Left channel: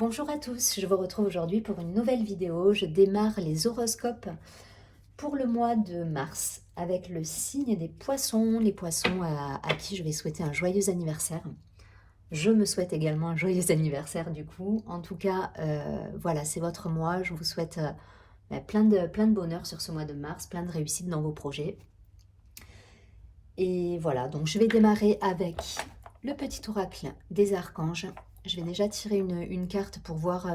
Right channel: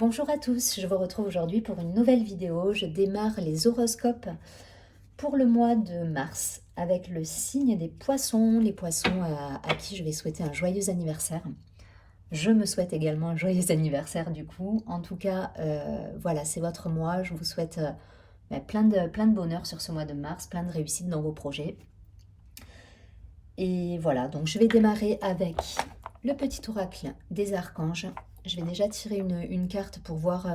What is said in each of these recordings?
Bonjour à tous, je vous retrouve aujourd'hui pour une nouvelle vidéo. Je démarre les horoscopes pour le mois de mars avec le signe des poissons, les poissons à qui je vais souhaiter un joyeux anniversaire. Je me souhaite également un joyeux anniversaire du coup. En tout cas, voilà, c'est votre mois. Je vous souhaite plein de bonheur sur ce mois de mars, plein de réussite dans vos projets. Et voilà, donc je vais démarrer avec le petit oracle des archanges. Je vais déjà tirer une carte pour voir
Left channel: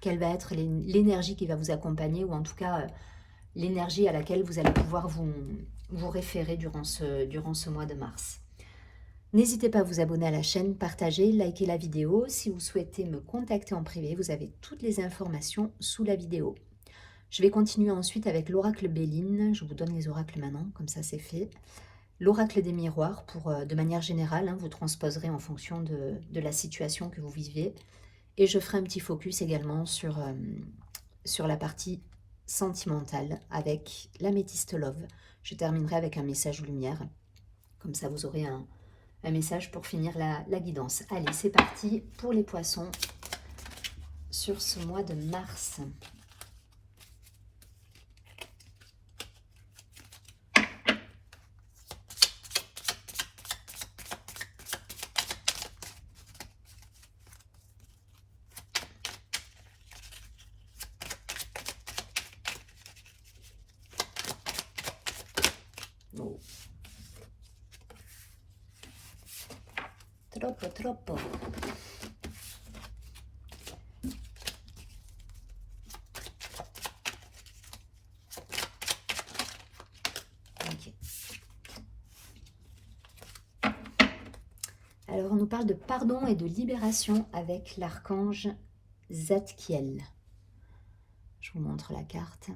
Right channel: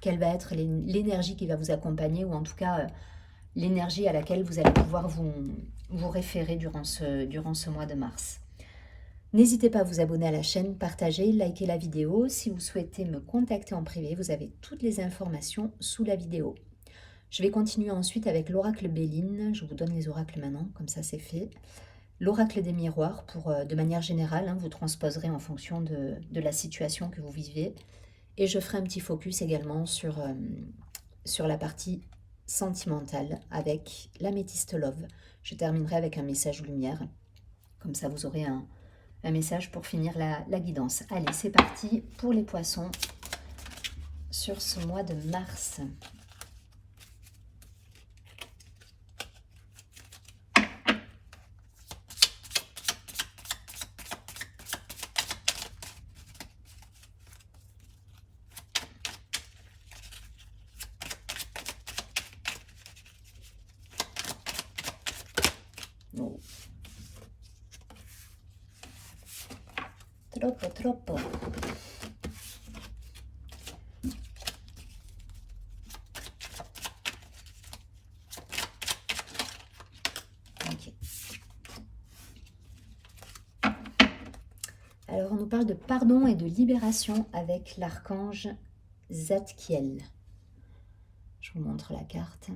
quelle va être l'énergie qui va vous accompagner, ou en tout cas l'énergie à laquelle vous allez pouvoir vous référer durant ce mois de mars. N'hésitez pas à vous abonner à la chaîne, partager, liker la vidéo. Si vous souhaitez me contacter en privé, vous avez toutes les informations sous la vidéo. Je vais continuer ensuite avec l'oracle Béline. Je vous donne les oracles maintenant, comme ça c'est fait. L'oracle des miroirs, de manière générale, vous transposerez en fonction de la situation que vous vivez. Et je ferai un petit focus également sur la partie sentimentale avec l'améthyste love. Je terminerai avec un message lumière. Comme ça, vous aurez un message pour finir la guidance. Allez, c'est parti pour les poissons sur ce mois de mars. Oh. Troppo. Ok. Alors, on nous parle de pardon et de libération avec l'archange Zadkiel. Je vous montre la carte.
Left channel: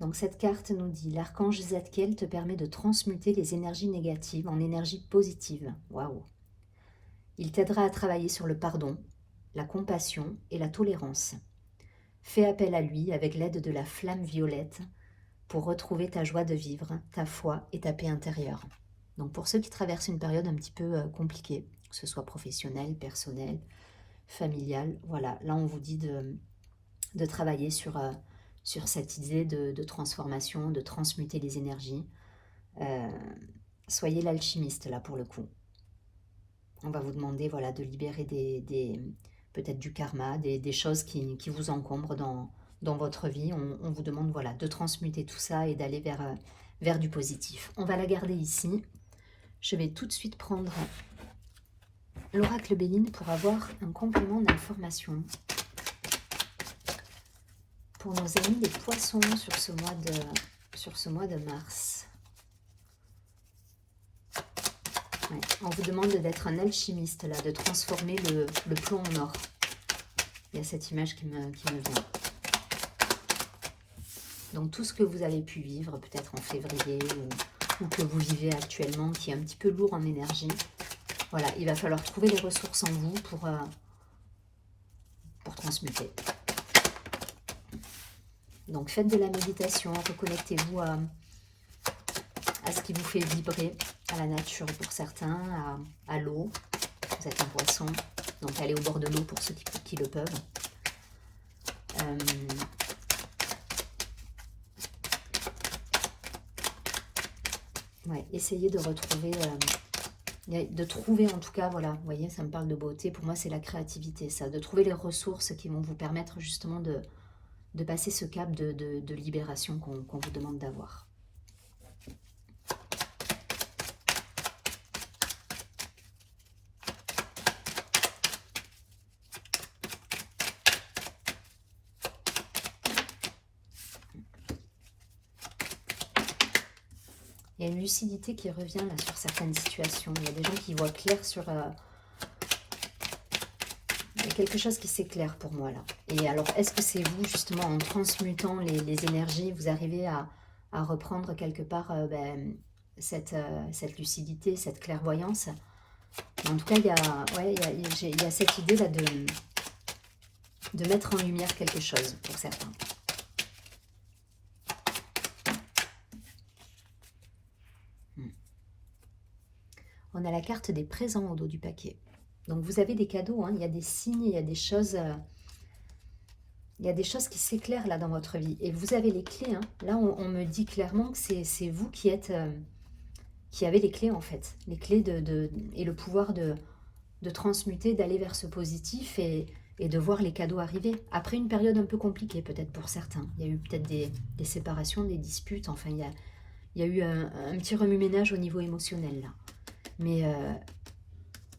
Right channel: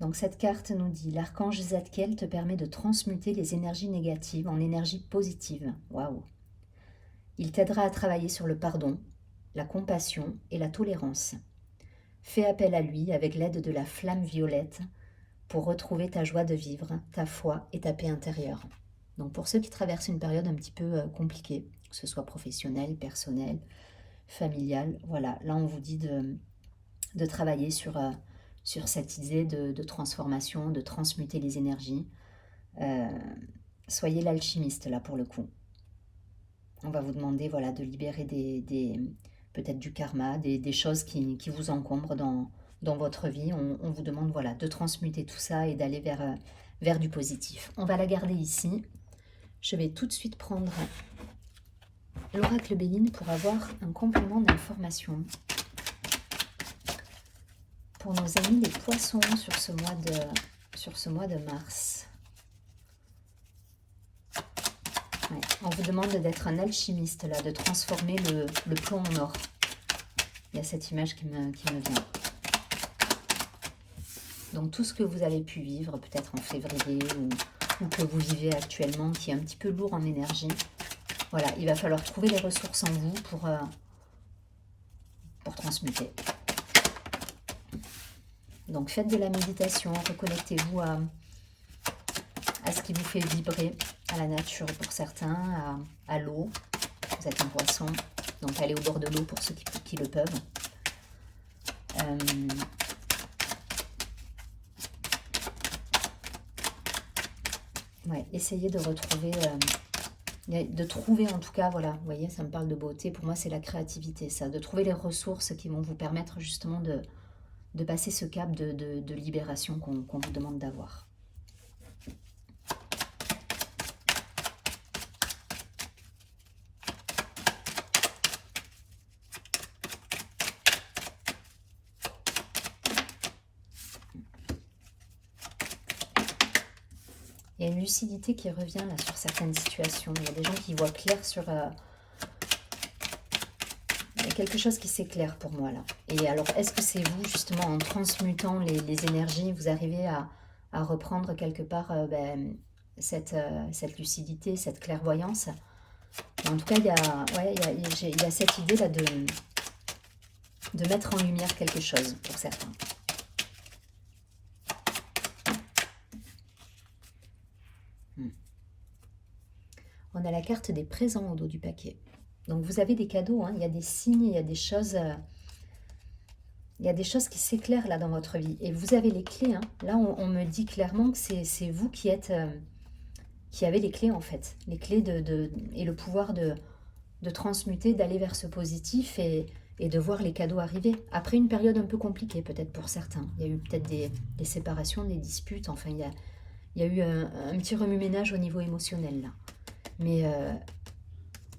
Donc cette carte nous dit: l'archange Zadkiel te permet de transmuter les énergies négatives en énergie positive. Waouh! Il t'aidera à travailler sur le pardon, la compassion et la tolérance. Fais appel à lui avec l'aide de la flamme violette pour retrouver ta joie de vivre, ta foi et ta paix intérieure. Donc pour ceux qui traversent une période un petit peu compliquée, que ce soit professionnelle, personnelle, familiale, voilà, là on vous dit de travailler sur cette idée de transformation, de transmuter les énergies. Soyez l'alchimiste là pour le coup. On va vous demander voilà, de libérer peut-être du karma, des choses qui vous encombrent dans votre vie. On vous demande voilà, de transmuter tout ça et d'aller vers du positif. On va la garder ici. Je vais tout de suite prendre l'oracle Béline pour avoir un complément d'information pour nos amis les poissons sur ce mois de mars. Ouais, on vous demande d'être un alchimiste, là, de transformer le plomb en or. Il y a cette image qui me vient. Donc tout ce que vous avez pu vivre, peut-être en février, ou que vous vivez actuellement, qui est un petit peu lourd en énergie, voilà, il va falloir trouver les ressources en vous pour transmuter. Donc faites de la méditation, reconnectez-vous à ce qui vous fait vibrer, à la nature pour certains, à l'eau. Vous êtes un poisson, donc allez au bord de l'eau pour ceux qui le peuvent. Ouais, essayez de retrouver, de trouver en tout cas, voilà, vous voyez, ça me parle de beauté. Pour moi, c'est la créativité, ça, de trouver les ressources qui vont vous permettre justement de passer ce cap de libération qu'on vous demande d'avoir. Il y a une lucidité qui revient là sur certaines situations. Il y a des gens qui voient clair sur... il y a quelque chose qui s'éclaire pour moi là. Et alors, est-ce que c'est vous, justement, en transmutant les énergies, vous arrivez à reprendre quelque part cette lucidité, cette clairvoyance? En tout cas, il y a cette idée là de mettre en lumière quelque chose pour certains. On a la carte des présents au dos du paquet. Donc vous avez des cadeaux, hein, il y a des signes, il y a des choses... il y a des choses qui s'éclairent là dans votre vie. Et vous avez les clés. Hein. Là, on me dit clairement que c'est vous qui êtes, qui avez les clés en fait. Les clés et le pouvoir de transmuter, d'aller vers ce positif et de voir les cadeaux arriver. Après une période un peu compliquée peut-être pour certains. Il y a eu peut-être des séparations, des disputes. Enfin, il y a eu un petit remue-ménage au niveau émotionnel là.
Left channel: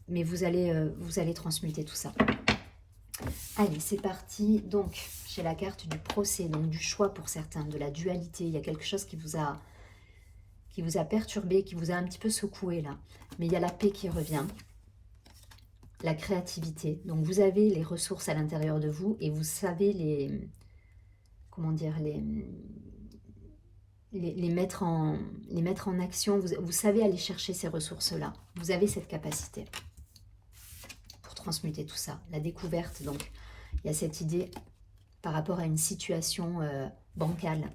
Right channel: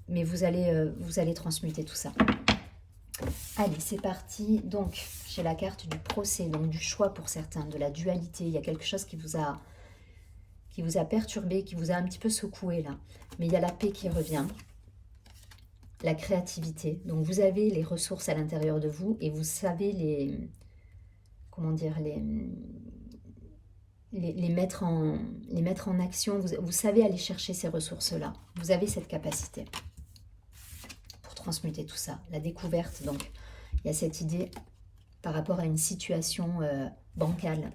Mais vous allez transmuter tout ça. Allez, c'est parti. Donc, j'ai la carte du procès, donc du choix pour certains, de la dualité. Il y a quelque chose qui vous a perturbé, qui vous a un petit peu secoué là. Mais il y a la paix qui revient, la créativité. Donc, vous avez les ressources à l'intérieur de vous et vous savez comment dire, les mettre en action. Vous savez aller chercher ces ressources-là. Vous avez cette capacité pour transmuter tout ça. La découverte, donc, il y a cette idée par rapport à une situation bancale,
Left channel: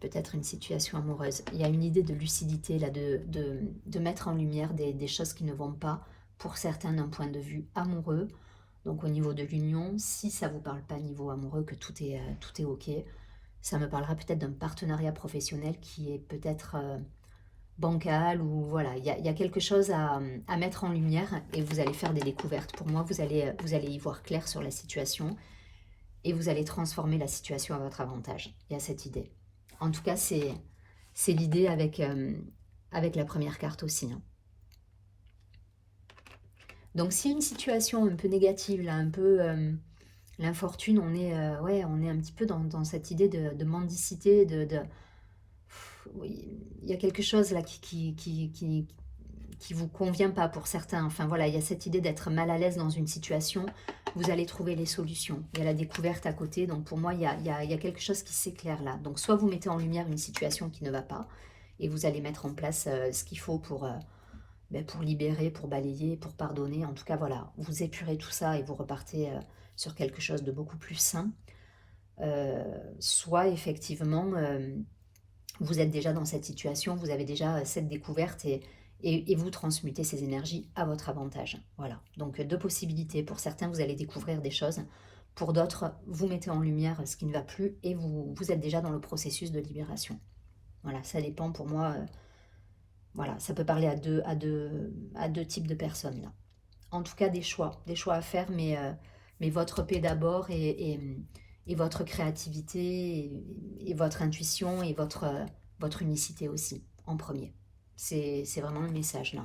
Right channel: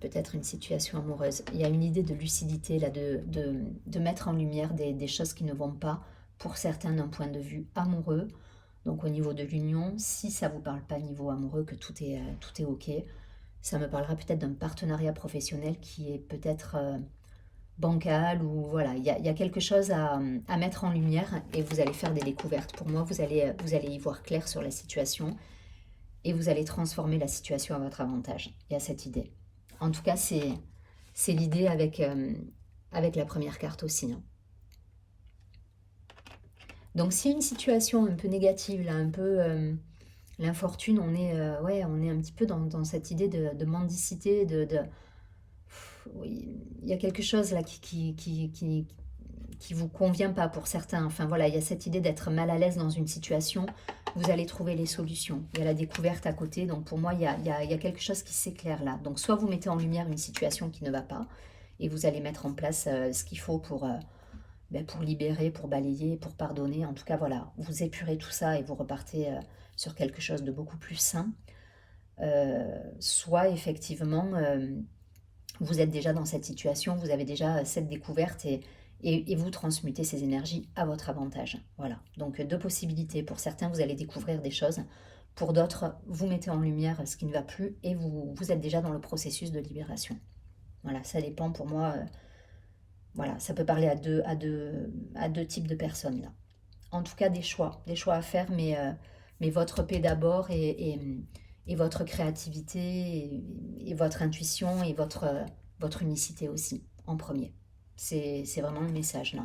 peut-être une situation amoureuse. Il y a une idée de lucidité, là, de mettre en lumière des choses qui ne vont pas, pour certains d'un point de vue amoureux. Donc au niveau de l'union, si ça ne vous parle pas niveau amoureux, que tout est ok, ça me parlera peut-être d'un partenariat professionnel qui est peut-être bancal, ou voilà, il y a quelque chose à mettre en lumière et vous allez faire des découvertes. Pour moi, vous allez y voir clair sur la situation et vous allez transformer la situation à votre avantage. Il y a cette idée. En tout cas, c'est l'idée avec la première carte aussi. Hein. Donc, s'il y a une situation un peu négative, là, un peu l'infortune, on est un petit peu dans cette idée de mendicité, oui, il y a quelque chose là qui vous convient pas pour certains. Enfin voilà, il y a cette idée d'être mal à l'aise dans une situation. Vous allez trouver les solutions. Il y a la découverte à côté. Donc pour moi, il y a quelque chose qui s'éclaire là. Donc soit vous mettez en lumière une situation qui ne va pas et vous allez mettre en place ce qu'il faut pour libérer, pour balayer, pour pardonner. En tout cas, voilà, vous épurez tout ça et vous repartez sur quelque chose de beaucoup plus sain. Soit effectivement, vous êtes déjà dans cette situation, vous avez déjà cette découverte et vous transmutez ces énergies à votre avantage. Voilà, donc deux possibilités. Pour certains, vous allez découvrir des choses. Pour d'autres, vous mettez en lumière ce qui ne va plus et vous êtes déjà dans le processus de libération. Voilà, ça dépend pour moi. Voilà, ça peut parler à deux types de personnes. Là. En tout cas, des choix à faire, mais votre paix d'abord et votre créativité et votre intuition et votre unicité aussi, en premier. C'est vraiment le message, là.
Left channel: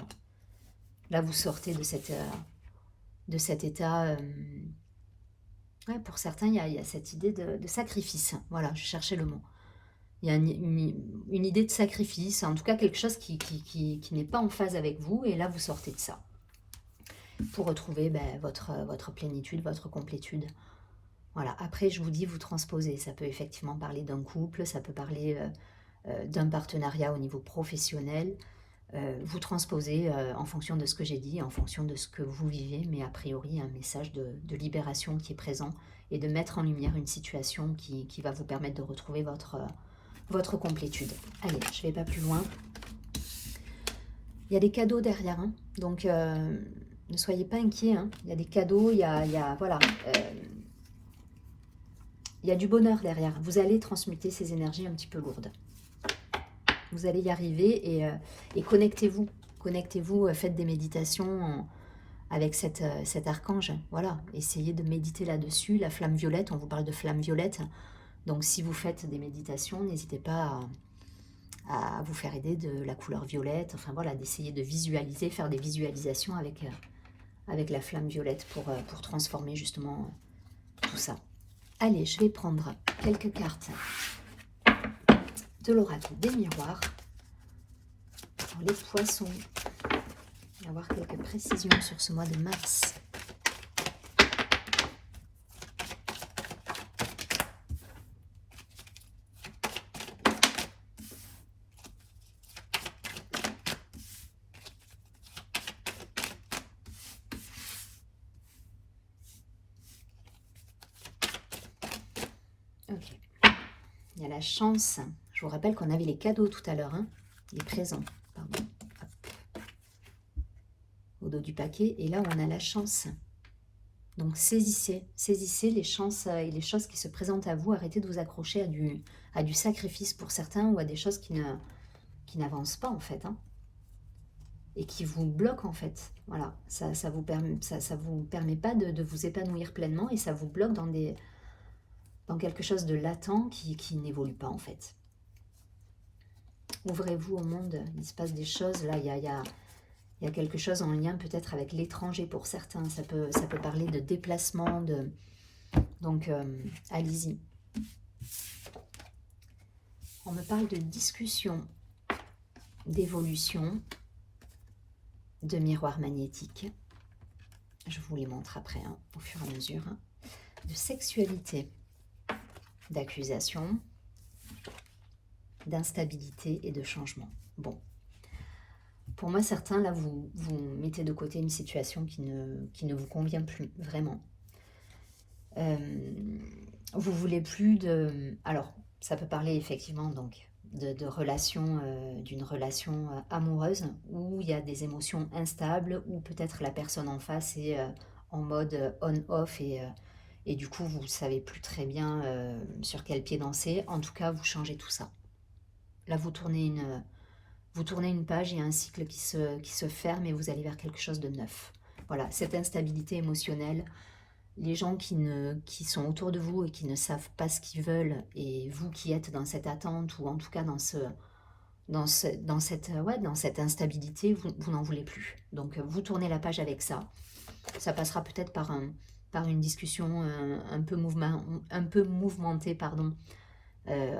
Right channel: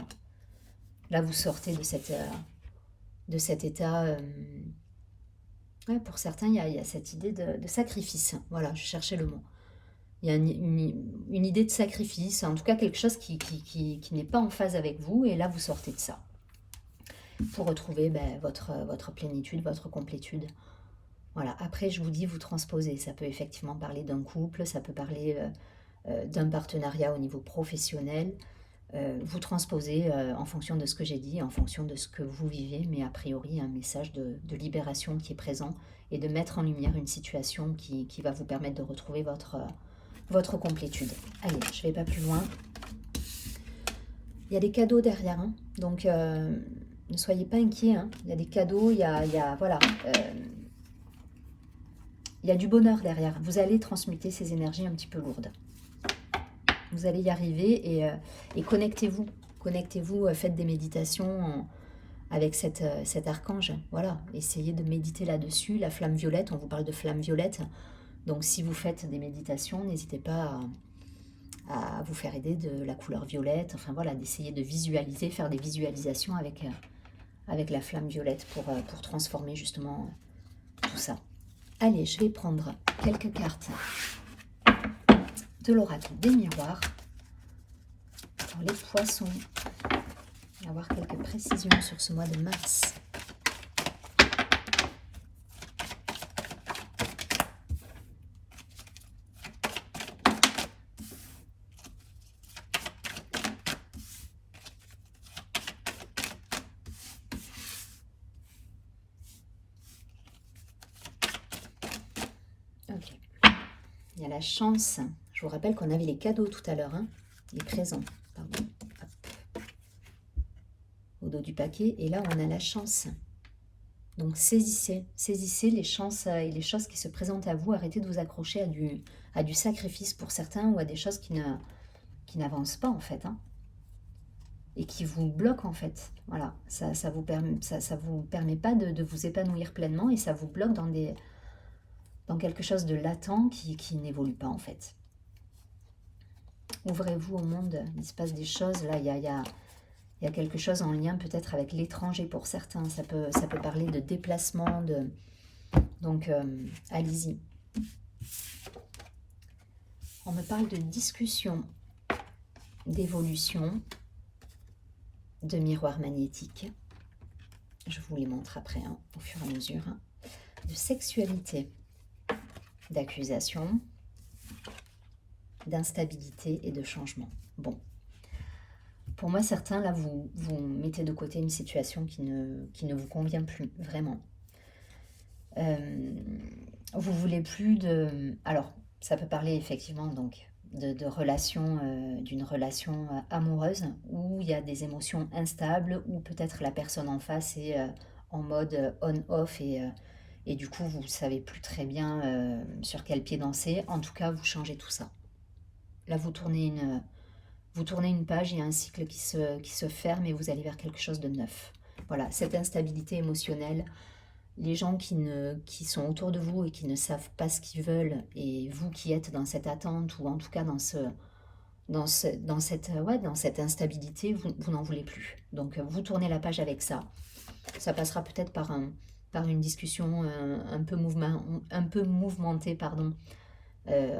Là, vous sortez de cet état... ouais, pour certains, il y a cette idée de sacrifice. Voilà, je cherchais le mot. Il y a une idée de sacrifice, en tout cas quelque chose qui n'est pas en phase avec vous, et là, vous sortez de ça. Pour retrouver votre plénitude, votre complétude. Voilà, après je vous dis, vous transposez, ça peut effectivement parler d'un couple, ça peut parler d'un partenariat au niveau professionnel, vous transposez en fonction de ce que j'ai dit, en fonction de ce que vous vivez, mais a priori un message de libération qui est présent et de mettre en lumière une situation qui va vous permettre de retrouver votre complétude. Allez, je ne vais pas plus loin. Il y a des cadeaux derrière, hein, donc ne soyez pas inquiets, hein. Il y a des cadeaux, il y a voilà, il y a du bonheur derrière. Vous allez transmuter ces énergies un petit peu lourdes. Vous allez y arriver et connectez-vous. Connectez-vous, faites des méditations avec cet archange. Voilà, essayez de méditer là-dessus. La flamme violette, on vous parle de flamme violette. Donc si vous faites des méditations, n'hésitez pas à vous faire aider de la couleur violette. Enfin voilà, d'essayer de visualiser, faire des visualisations avec la flamme violette pour transformer justement tout ça. Allez, je vais prendre quelques cartes de l'oracle des miroirs. Pour les poissons, on va avoir quelques précisions sur ce mois de mars. Ok. Il y a la chance. Je vous rappelle qu'on avait les cadeaux tout à l'heure, hein, les présents. Pardon. dos du paquet. Et là, on a la chance. Donc, saisissez les chances et les choses qui se présentent à vous. Arrêtez de vous accrocher à du sacrifice pour certains ou à des choses qui n'avancent pas, en fait. Hein, et qui vous bloquent, en fait. Voilà, ça vous permet pas de vous épanouir pleinement et ça vous bloque dans quelque chose de latent qui n'évolue pas, en fait. Ouvrez-vous au monde, il se passe des choses. Là, il y a quelque chose en lien peut-être avec l'étranger pour certains. Ça peut parler de déplacement. Donc, allez-y. On me parle de discussion, d'évolution, de miroir magnétique. Je vous les montre après, hein, au fur et à mesure. Hein. De sexualité, d'accusation, d'instabilité et de changement. Bon. Pour moi, certains, là, vous mettez de côté une situation qui ne vous convient plus, vraiment. Vous voulez plus de... Alors, ça peut parler effectivement donc de relation, d'une relation amoureuse où il y a des émotions instables, ou peut-être la personne en face est en mode on-off et du coup, vous ne savez plus très bien sur quel pied danser. En tout cas, vous changez tout ça. Là, vous tournez une page, il y a un cycle qui se ferme et vous allez vers quelque chose de neuf. Voilà, cette instabilité émotionnelle, les gens qui sont autour de vous et qui ne savent pas ce qu'ils veulent, et vous qui êtes dans cette attente, ou en tout cas dans cette instabilité, vous n'en voulez plus. Donc, vous tournez la page avec ça. Ça passera peut-être par une discussion un peu mouvementée, pardon.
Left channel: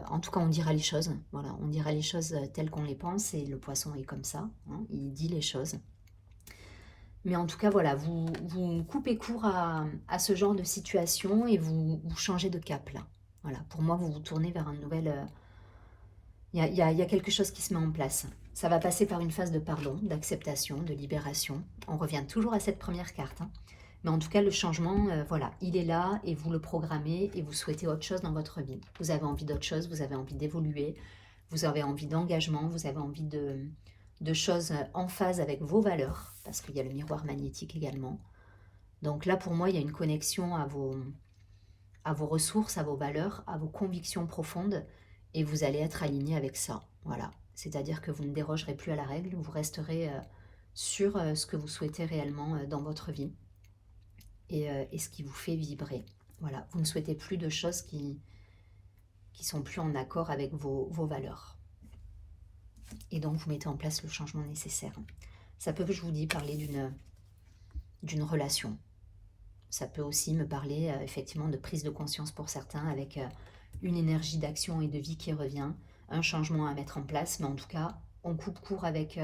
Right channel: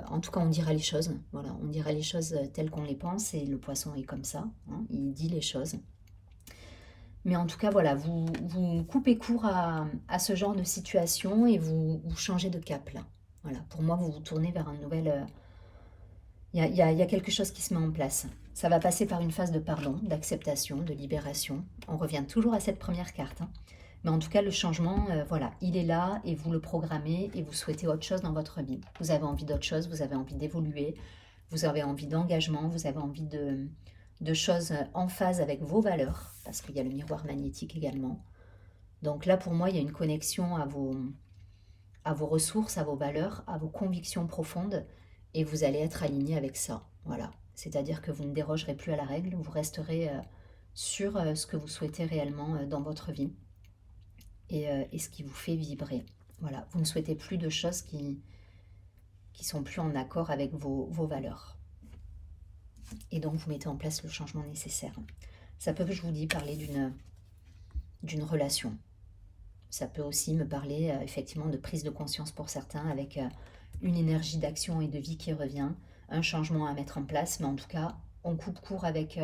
En tout cas, on dira les choses. Voilà, on dira les choses telles qu'on les pense, et le poisson est comme ça. Hein, il dit les choses. Mais en tout cas, voilà, vous coupez court à ce genre de situation et vous changez de cap, là. Voilà, pour moi, vous vous tournez vers un nouvel... Il y a quelque chose qui se met en place. Ça va passer par une phase de pardon, d'acceptation, de libération. On revient toujours à cette première carte. Hein. Mais en tout cas, le changement, voilà, il est là et vous le programmez et vous souhaitez autre chose dans votre vie. Vous avez envie d'autre chose, vous avez envie d'évoluer, vous avez envie d'engagement, vous avez envie de choses en phase avec vos valeurs, parce qu'il y a le miroir magnétique également. Donc là, pour moi, il y a une connexion à vos ressources, à vos valeurs, à vos convictions profondes, et vous allez être aligné avec ça. Voilà. C'est-à-dire que vous ne dérogerez plus à la règle, vous resterez sur ce que vous souhaitez réellement dans votre vie et ce qui vous fait vibrer. Voilà. Vous ne souhaitez plus de choses qui sont plus en accord avec vos valeurs. Et donc, vous mettez en place le changement nécessaire. Ça peut, je vous dis, parler d'une relation. Ça peut aussi me parler effectivement de prise de conscience pour certains, avec une énergie d'action et de vie qui revient, un changement à mettre en place. Mais en tout cas, on coupe court avec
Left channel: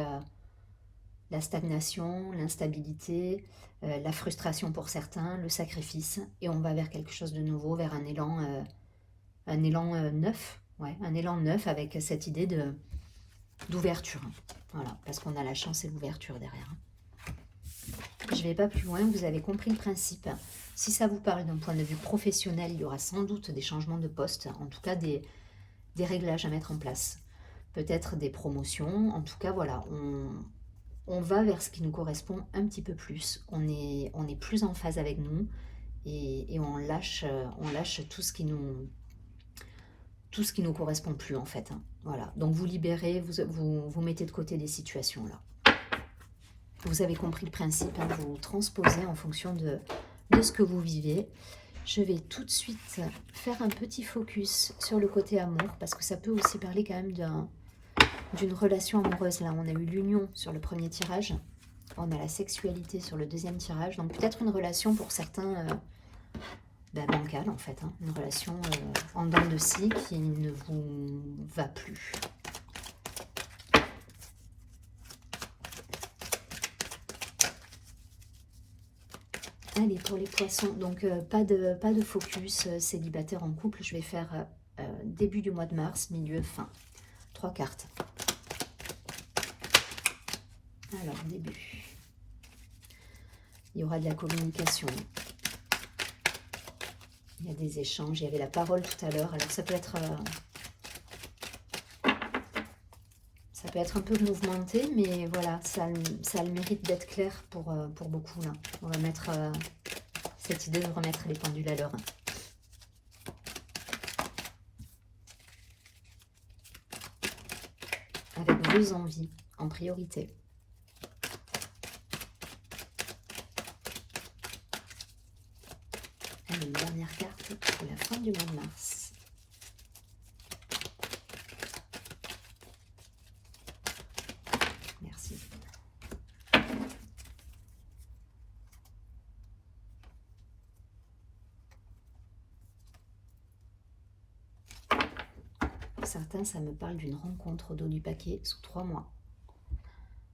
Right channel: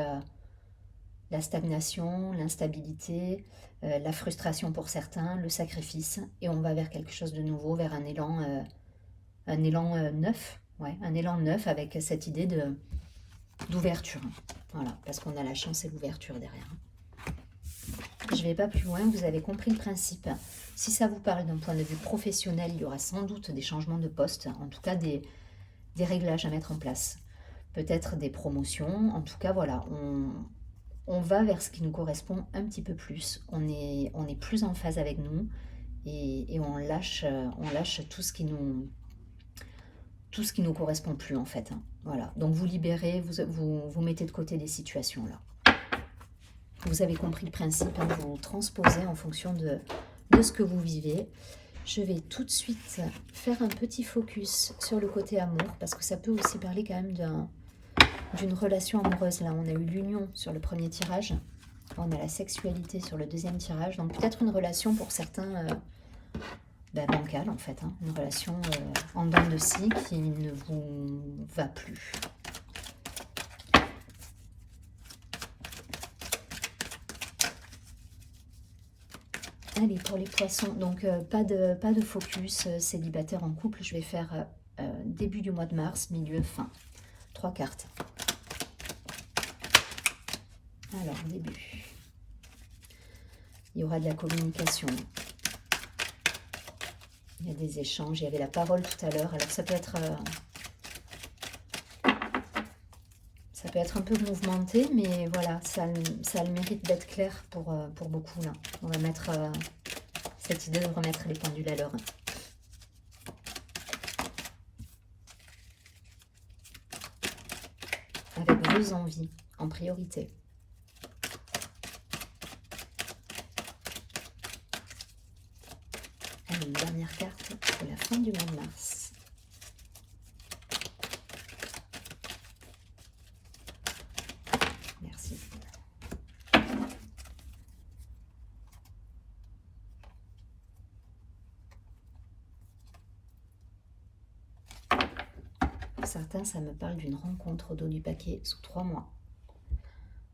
la stagnation, l'instabilité, la frustration pour certains, le sacrifice. Et on va vers quelque chose de nouveau, vers un élan neuf. Ouais, un élan neuf avec cette idée d'ouverture. Voilà, parce qu'on a la chance et l'ouverture derrière. Je ne vais pas plus loin, vous avez compris le principe. Si ça vous parle d'un point de vue professionnel, il y aura sans doute des changements de poste, en tout cas des réglages à mettre en place. Peut-être des promotions, en tout cas voilà, on va vers ce qui nous correspond un petit peu plus. On est plus en phase avec nous et on lâche tout ce qui nous correspond plus en fait. Hein. Voilà, donc vous libérez, vous mettez de côté des situations là. Vous avez compris le principe, hein, vous transposez en fonction de ce que vous vivez. Je vais tout de suite faire un petit focus sur le côté amour, parce que ça peut aussi parler quand même d'une relation amoureuse. Là, on a eu l'union sur le premier tirage, on a la sexualité sur le deuxième tirage, donc peut-être une relation pour certains bancale en fait, hein, une relation en dents de scie qui ne vous va plus. Allez, pour les poissons, donc pas de focus célibataire en couple. Je vais faire début du mois de mars, milieu, fin. 3 cartes. Alors, début. Il y aura de la communication. Il y a des échanges. Il y avait la parole tout à l'heure. Alors, ça peut peut être un peu mouvementé, mais voilà, ça a le mérite d'être clair pour beaucoup là. On va mettre cette idée de remettre les pendules à l'heure. Avec vos envies en priorité. Allez, une dernière carte pour la fin du mois de mars. Merci. Pour certains, ça me parle d'une rencontre au dos du paquet sous 3 mois.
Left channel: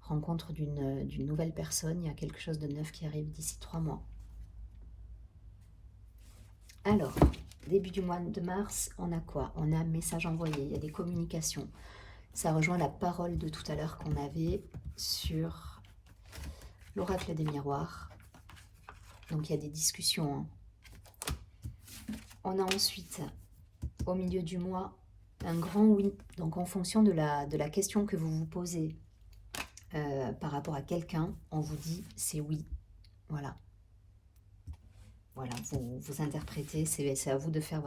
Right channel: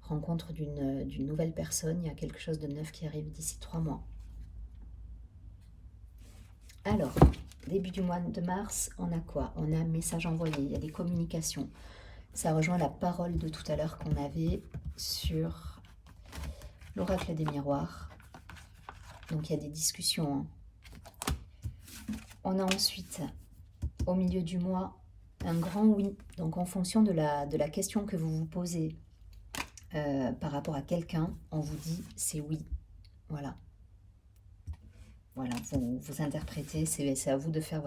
Rencontre d'une nouvelle personne, il y a quelque chose de neuf qui arrive d'ici 3 mois. Alors, début du mois de mars, on a quoi? On a un message envoyé, il y a des communications. Ça rejoint la parole de tout à l'heure qu'on avait sur l'oracle des miroirs. Donc il y a des discussions. On a ensuite, au milieu du mois, un grand oui. Donc en fonction de la question que vous vous posez par rapport à quelqu'un, on vous dit c'est oui. Voilà. Voilà, vous interprétez, c'est à vous de faire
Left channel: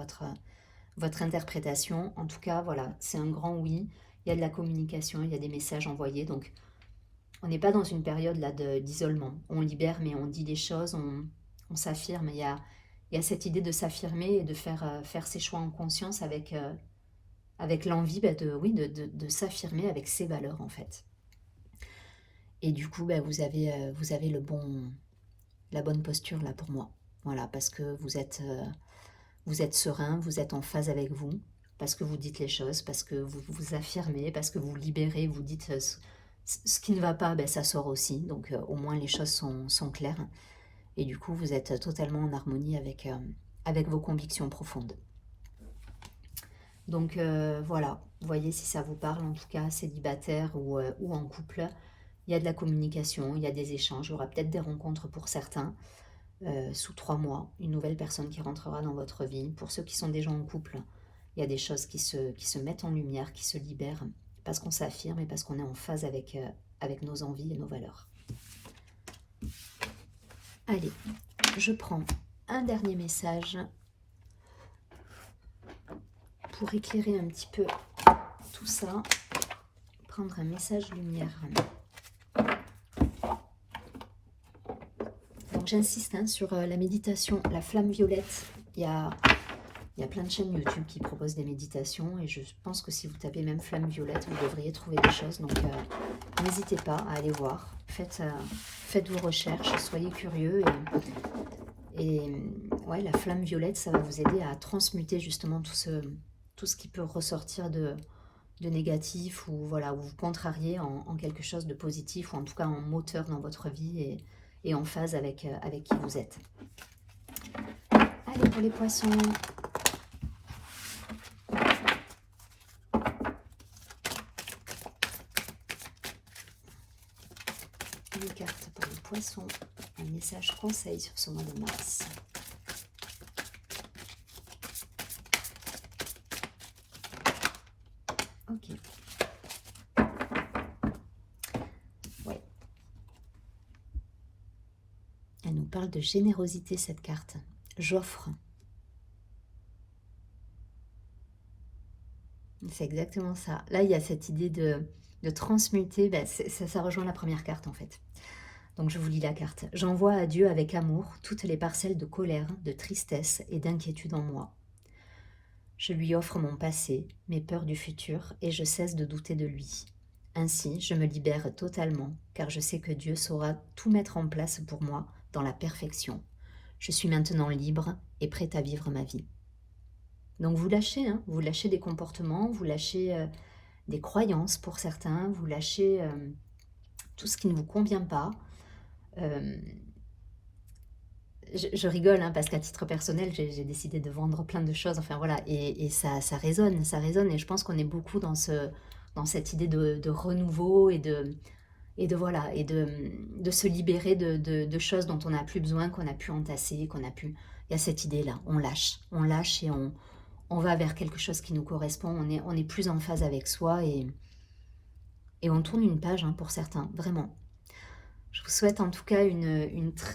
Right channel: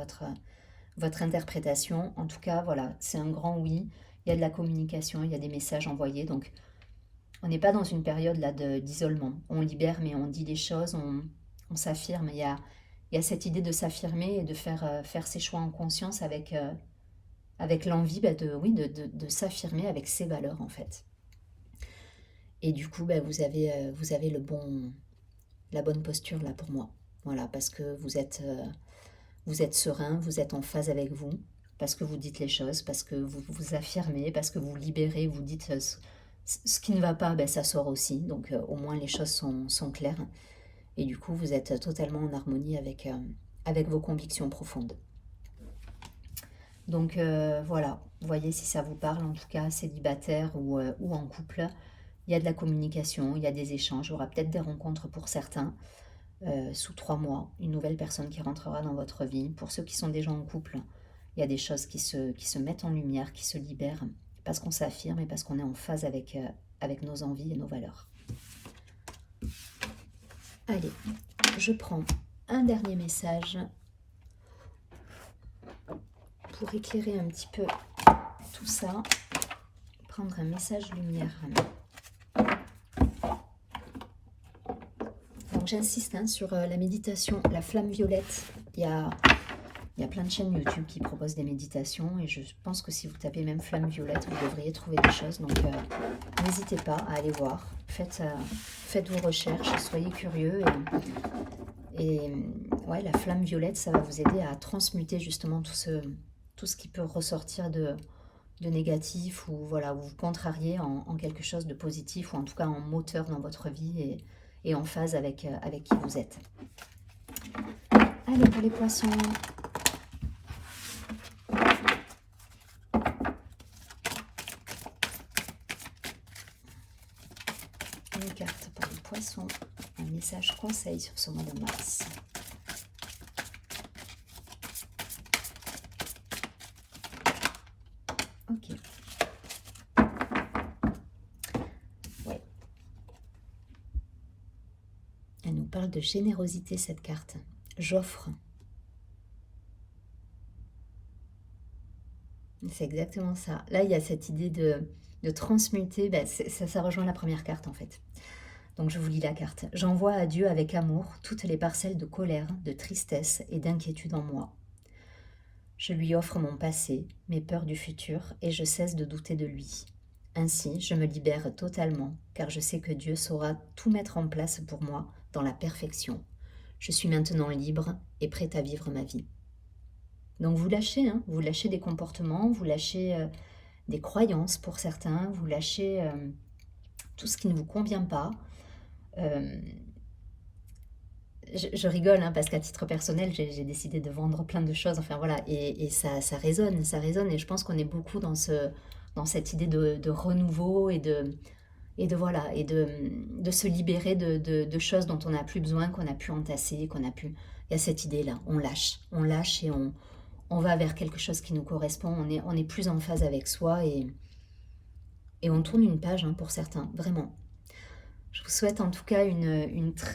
votre interprétation. En tout cas, voilà, c'est un grand oui. Il y a de la communication, il y a des messages envoyés. Donc, on n'est pas dans une période là d'isolement. On libère, mais on dit les choses, on s'affirme. Il y a cette idée de s'affirmer et de faire ses choix en conscience avec l'envie de s'affirmer avec ses valeurs, en fait. Et du coup, vous avez la bonne posture là pour moi. Voilà, parce que vous êtes serein, vous êtes en phase avec vous, parce que vous dites les choses, parce que vous vous affirmez, parce que vous libérez, vous dites ce qui ne va pas, ça sort aussi. Donc au moins les choses sont claires. Et du coup, vous êtes totalement en harmonie avec vos convictions profondes. Donc voilà, voyez si ça vous parle, en tout cas célibataire ou en couple. Il y a de la communication, il y a des échanges, il y aura peut-être des rencontres pour certains. Sous 3 mois, une nouvelle personne qui rentrera dans votre vie. Pour ceux qui sont déjà en couple, il y a des choses qui se mettent en lumière, qui se libèrent, parce qu'on s'affirme et parce qu'on est en phase avec nos envies et nos valeurs. Allez, je prends un dernier message pour éclairer un petit peu tout ça. Prendre un message lumière. Donc j'insiste sur la méditation, la flamme violette. Il y a plein de chaînes YouTube qui proposent des méditations et je pense que si vous tapez même flamme violette, vous devriez trouver des choses. Donc n'hésitez pas à aller voir. Faites vos recherches, soyez curieux. Et ouais, la flamme violette, ça va vous aider à transmuter justement tout ce qui peut ressortir de négatif ou voilà, ou vous contrarier en quelque chose de positif ou en tout cas en moteur dans votre vie et en phase avec qui vous êtes. Allez, pour les poissons. Une carte pour les poissons. Un message conseil sur ce mois de mars. Ok. Ouais. Elle nous parle de générosité, cette carte. J'offre. C'est exactement ça. Là, il y a cette idée de transmuter. Ça rejoint la première carte, en fait. Donc, je vous lis la carte. J'envoie à Dieu avec amour toutes les parcelles de colère, de tristesse et d'inquiétude en moi. Je lui offre mon passé, mes peurs du futur, et je cesse de douter de lui. Ainsi, je me libère totalement, car je sais que Dieu saura tout mettre en place pour moi dans la perfection. Je suis maintenant libre et prête à vivre ma vie. Donc vous lâchez, vous lâchez des comportements, vous lâchez des croyances pour certains, vous lâchez tout ce qui ne vous convient pas. Je rigole parce qu'à titre personnel, j'ai décidé de vendre plein de choses, enfin voilà, et ça résonne, et je pense qu'on est beaucoup dans cette idée de renouveau et de se libérer de choses dont on n'a plus besoin, qu'on a pu entasser, il y a cette idée-là, on lâche et on va vers quelque chose qui nous correspond, on est plus en phase avec soi et on tourne une page hein, pour certains, vraiment. Je vous souhaite en tout cas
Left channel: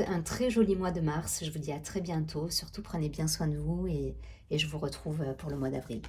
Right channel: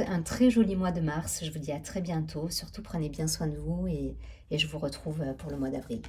un très joli mois de mars. Je vous dis à très bientôt. Surtout prenez bien soin de vous et je vous retrouve pour le mois d'avril.